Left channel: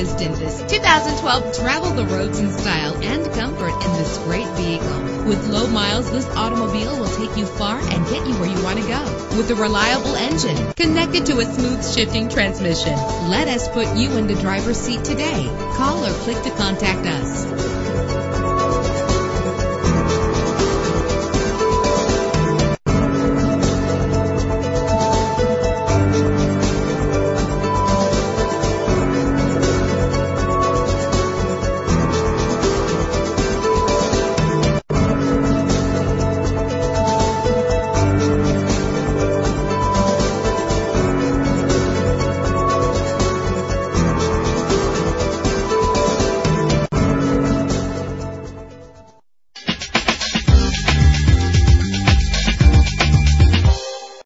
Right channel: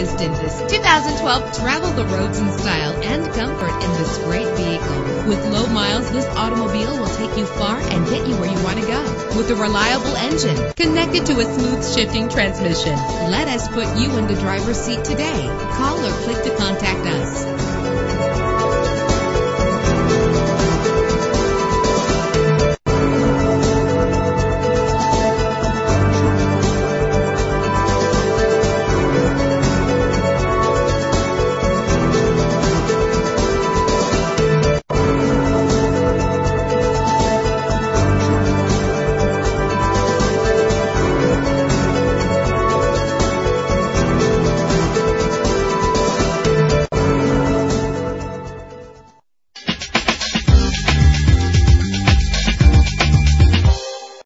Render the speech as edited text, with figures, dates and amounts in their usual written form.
missed in this 2012. Travel the roads in style and comfort in this great vehicle. With low miles, this automobile will take you far and get you where you want to go. With a reliable engine connected to a smooth shifting transmission, let us put you in the driver's seat today. Call or click to contact us.